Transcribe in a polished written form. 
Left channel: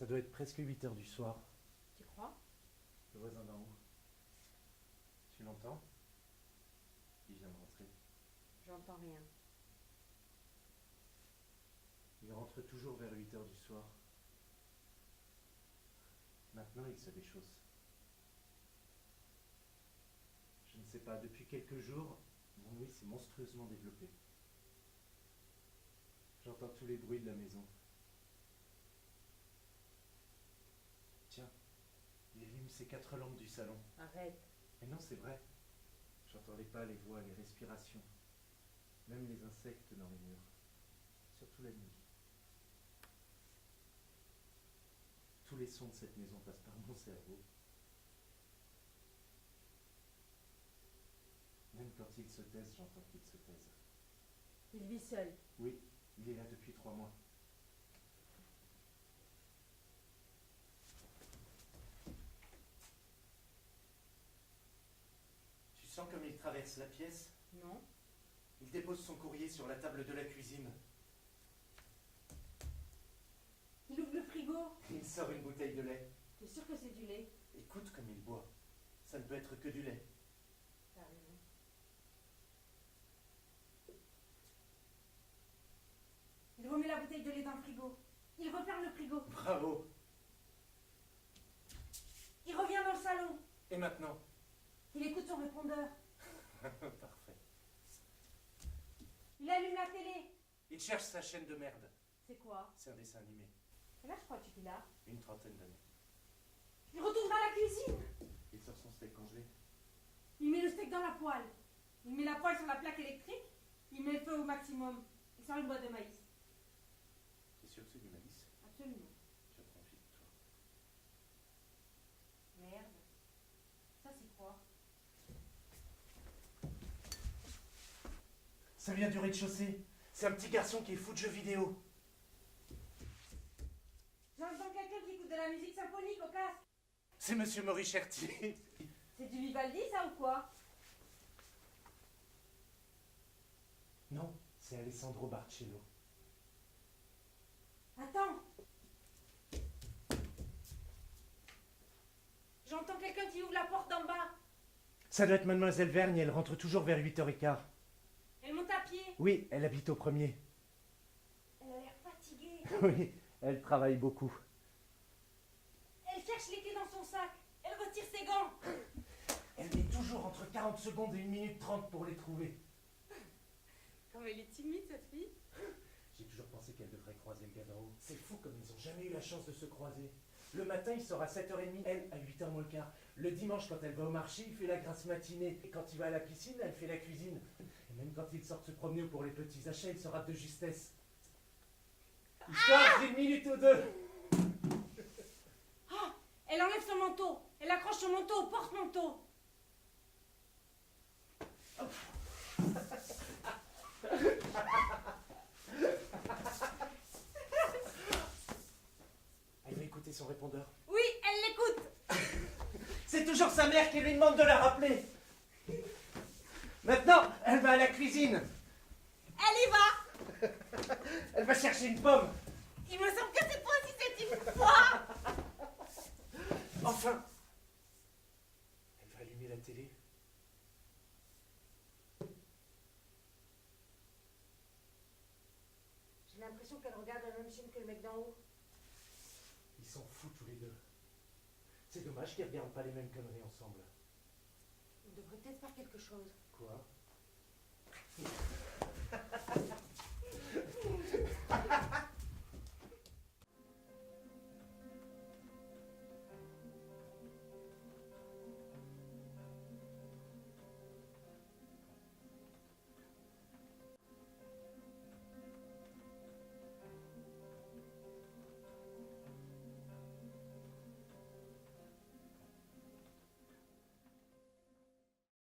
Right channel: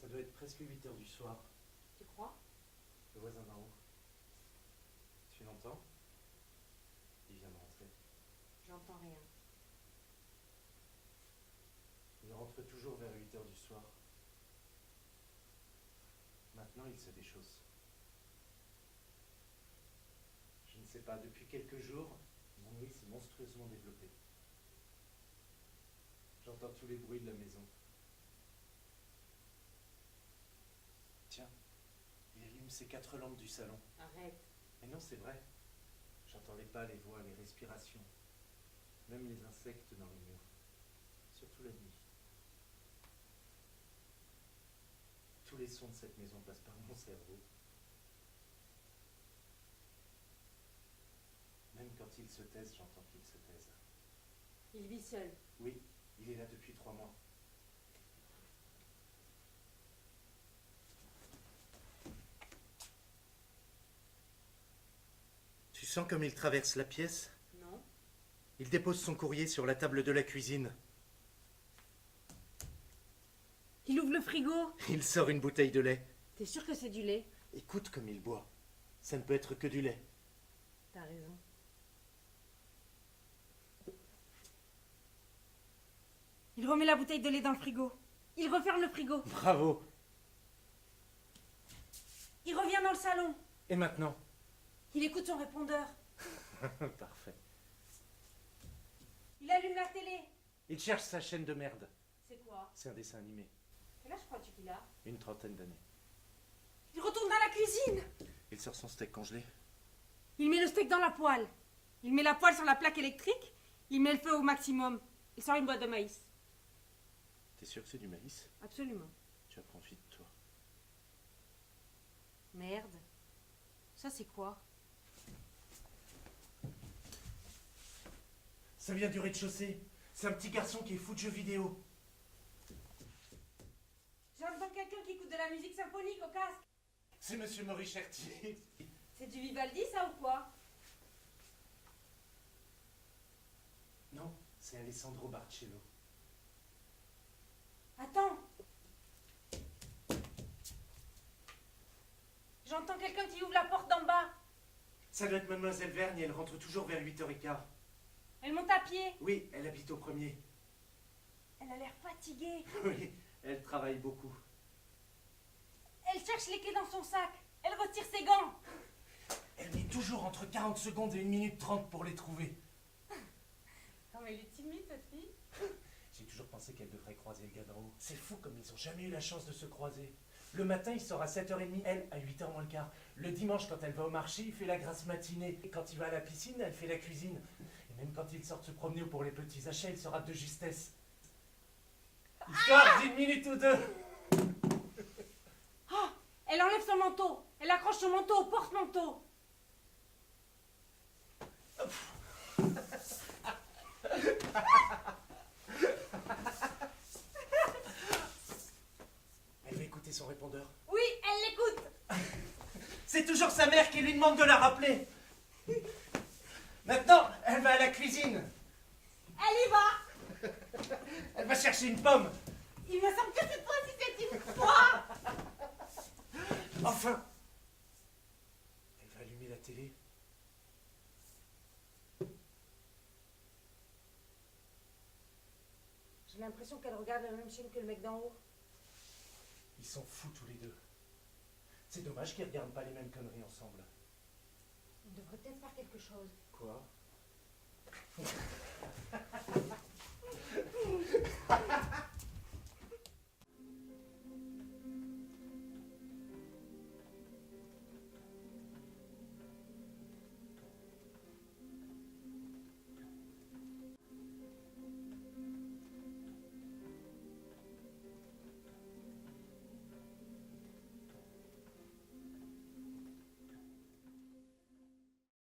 Ça doit être presque 8 heures du soir. Tu crois? Le voisin d'en haut. Tu l'entends? Il vient de rentrer. J'entends rien. Il rentre toujours vers 8 heures du soir. Maintenant, il se déchausse. Je ne sais pas, depuis quelques jours, mon nuit s'est monstrueusement développée. J'entends tous les bruits de la maison. Tiens, il allume ses 4 lampes du salon. Arrête. Mais non, c'est vrai. J'entends les pas, les voix, les respirations. Même les insectes dans les murs. Surtout la nuit. Tous les sons de cette maison passent par mon cerveau. Même quand ils se taisent, j'entends qu'ils se taisent. Il vit seul. Oui, il est là depuis 3 mois. Tu sens comme il traverse la pièce? Non. Il dépose son courrier sur la table de la cuisine. Il ouvre le frigo. Il sort une bouteille de lait. T'es sûr que c'est du lait? Écoute comme il boit. Ça ne peut être que du lait. T'as raison. Il remet la bouteille de lait dans le frigo. Il referme le frigo. Bravo. Il revient dans le salon. Et maintenant? Il écoute son répondeur. Parfait. Il allume la télé. Il cherche sa chaîne de merde. C'est quoi? C'est un dessin animé. Quel âge crois-tu qu'il a? Une trentaine d'années. Il retourne dans la cuisine. Il sort son steak congelé. Il met le steak dans la poêle. Il met la poêle sur la plaque électrique. Il met le feu au maximum. Il sort une boîte de maïs. T'es sûr que c'est du maïs? Absolument. Tu apprends vite, toi. Merde. Ça c'est quoi? Ça vient du rez-de-chaussée. C'est un petit garçon qui est fou de jeux vidéo. J'entends quelqu'un qui écoute de la musique symphonique au casque. C'est Monsieur Moricherti. C'est du Vivaldi ça ou quoi? Non, c'est Alessandro Barcello. Attends. J'entends quelqu'un qui ouvre la porte d'en bas. Ça doit être Mademoiselle Vergne, elle rentre toujours vers 8h15. Elle monte à pied. Oui, elle habite au premier. Elle a l'air fatiguée. Oui, elle travaille beaucoup. Elle cherche les clés dans son sac. Elle retire ses gants. Elle met toujours entre 40 secondes et 1 minute 30 pour les trouver. Comme elle est timide cette fille. J'ai toujours pensé qu'elle devrait croiser le gars d'en haut. C'est fou comme ils n'ont jamais eu la chance de se croiser. Le matin, il sort à 7h30, elle à 8h moins le quart. Le dimanche, quand elle va au marché, il fait la grasse matinée. Et quand il va à la piscine, elle fait la cuisine. Et même quand il sort se promener pour les petits achats, il se rate de justesse. Histoire d'une minute ou deux. Oh, elle enlève son manteau. Elle accroche son manteau au porte-manteau. Elle va écouter son répondeur. Oui, elle l'écoute. C'est toujours sa mère qui lui demande de la rappeler. Maintenant, elle va à la cuisine. Elle y va. Elle va chercher une pomme. Il me semble que cette fois-ci c'est une fois. Enfin, elle va allumer la télé. J'ai l'impression qu'elle regarde la même chaîne que le mec d'en haut. Ils sont fous tous les deux. C'est dommage qu'ils regardent pas les mêmes conneries ensemble. On devrait peut-être faire quelque chose. Quoi?